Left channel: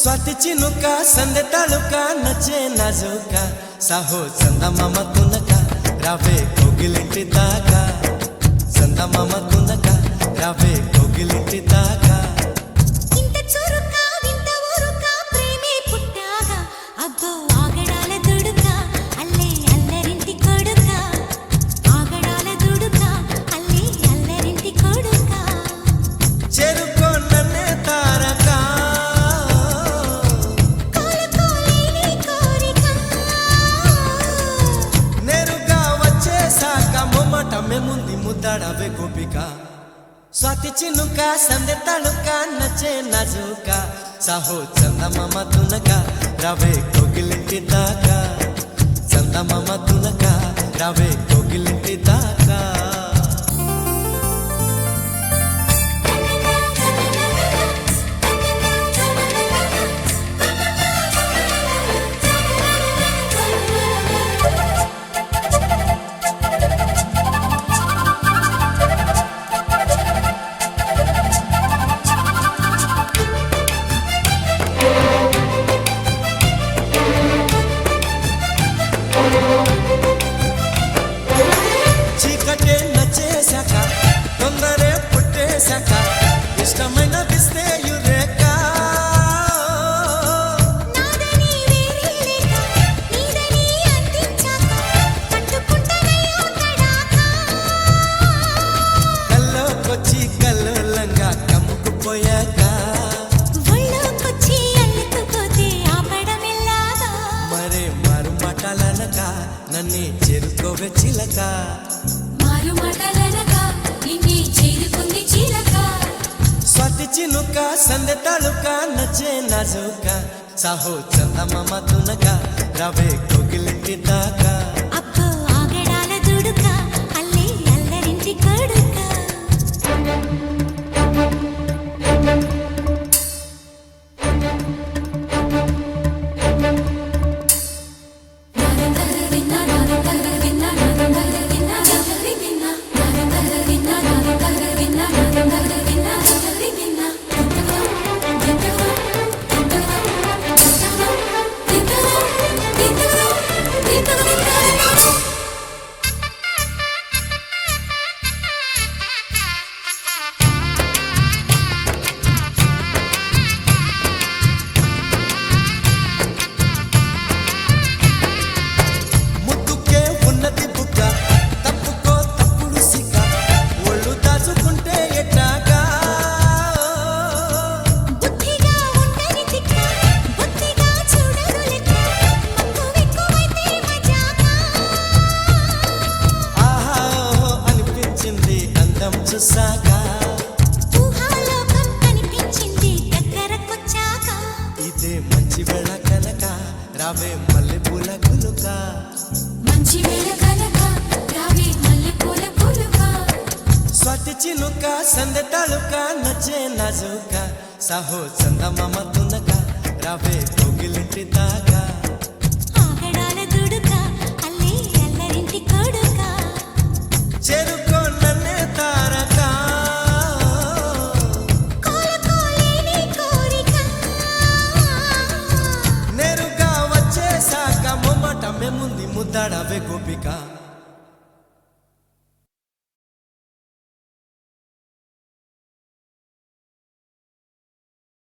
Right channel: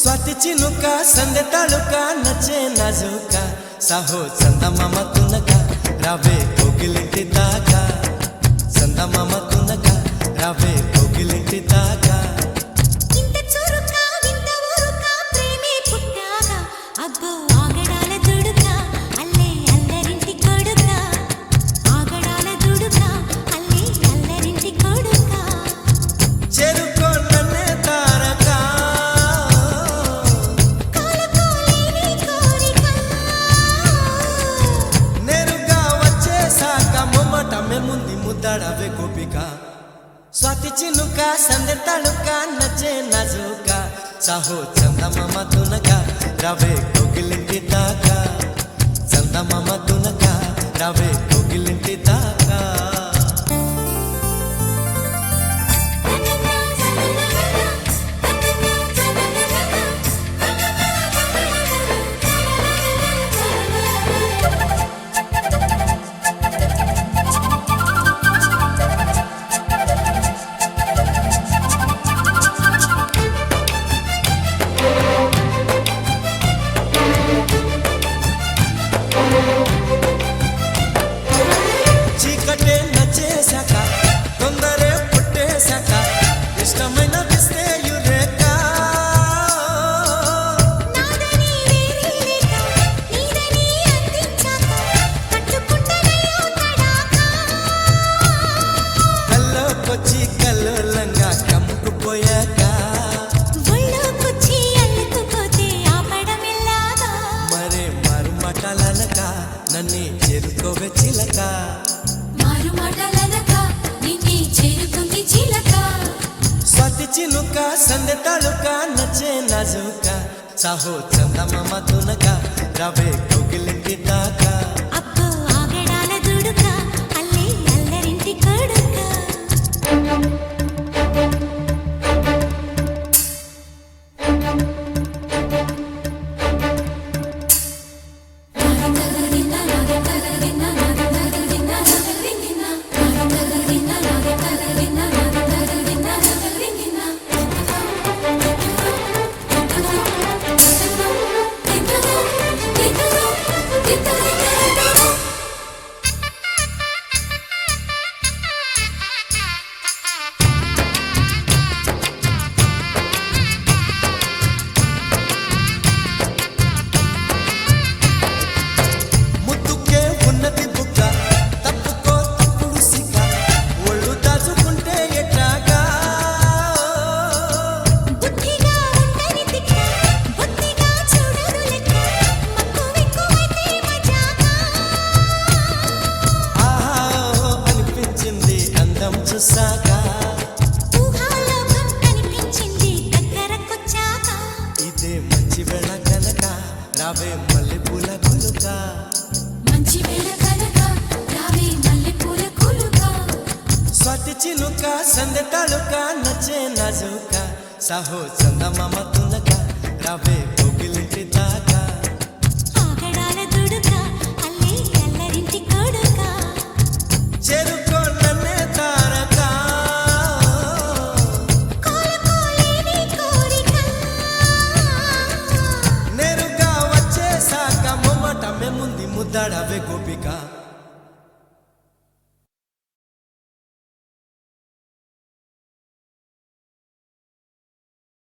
स्वाति चिनुका संदे तालुका नचे नाजुका साहो चंदमामा तुनका रावे कोगिलिंटी दाका चंदमामा तुनका रावे कोगिलिंटी दाका इंत चुरुका विंत ऊरुका प्रेमे पुट्टागा अब्बो आगडाल दुडुका अल्ले अल्लरिंटी कोडुका आगडाल दुडुका अल्ले अल्लरिंटी कोडुका చెరుకో నన్నే తారకా మొమ్మటమే ముంది ముద్దాడవే గోపిక స్వాతి చినుక సందె తళుక నచ్చే నాజుక సాహో చందమామ తునక రావే కోగిలింటి దాకా చందమామ తునక రావే కోగిలింటి దాకా చీకటే నచ్చేశాక తొందరే పుట్టేశాక ఇష్టమైన దిస్తే యురేక నాదని వేరే లేక నీదని అందించాక కట్టుకుంటనయ్యో తడాకా కల్లోకొచ్చి కల్లోలంగా కమ్ముకుపోయాక ఒళ్ళోకొచ్చి అల్లుకుపోతే ఆపడమిల్లాగా మరే మారు మాటలనక నన్ను చేరుకోవే చిలక మారు మాటలనగా నిన్నే చేరుకుంది చిలక స్వాతి చినుక సందె తళుక నచ్చే నాజుక సాహో చందమామ తునక రావే కోగిలింటి దాకా అబ్బో ఆగడాల దుడుక అల్లే అల్లరింటి కొడుక ముద్దుకే ఉన్నది బుగ్గ తప్పుకో తప్పుడు సిగ్గ ఒళ్ళు దాచుకుంటే ఎట్టాగా బుద్ధిగా ఉండని తిక్క బుద్ధిగా చూడదు లెక్క మక్కువెక్కువైతే మజాకా ఆహా ఓహో అనిపించింది అందం చూసాక ఊహాలోకం కనిపించింది దగ్గరకొచ్చాక ఇదే మంచి వేళ కనుక రావే మల్లె పూల కులుక మంచి వేళ కనుక రావే మల్లెపూల కులుక స్వాతి చినుక సందె తళుక నచ్చే నాజుక సాహో చందమామ తునక రావే కోగిలింటి దాకా ఆగడాల దుడుక అల్లే అల్లరింటి కొడుక చెరుకో నన్నే తారకా కోలుకోలేని కోరిక నేరుగా వచ్చేశాక మొమ్మటమే ముందు ముద్దాడవే గోపిక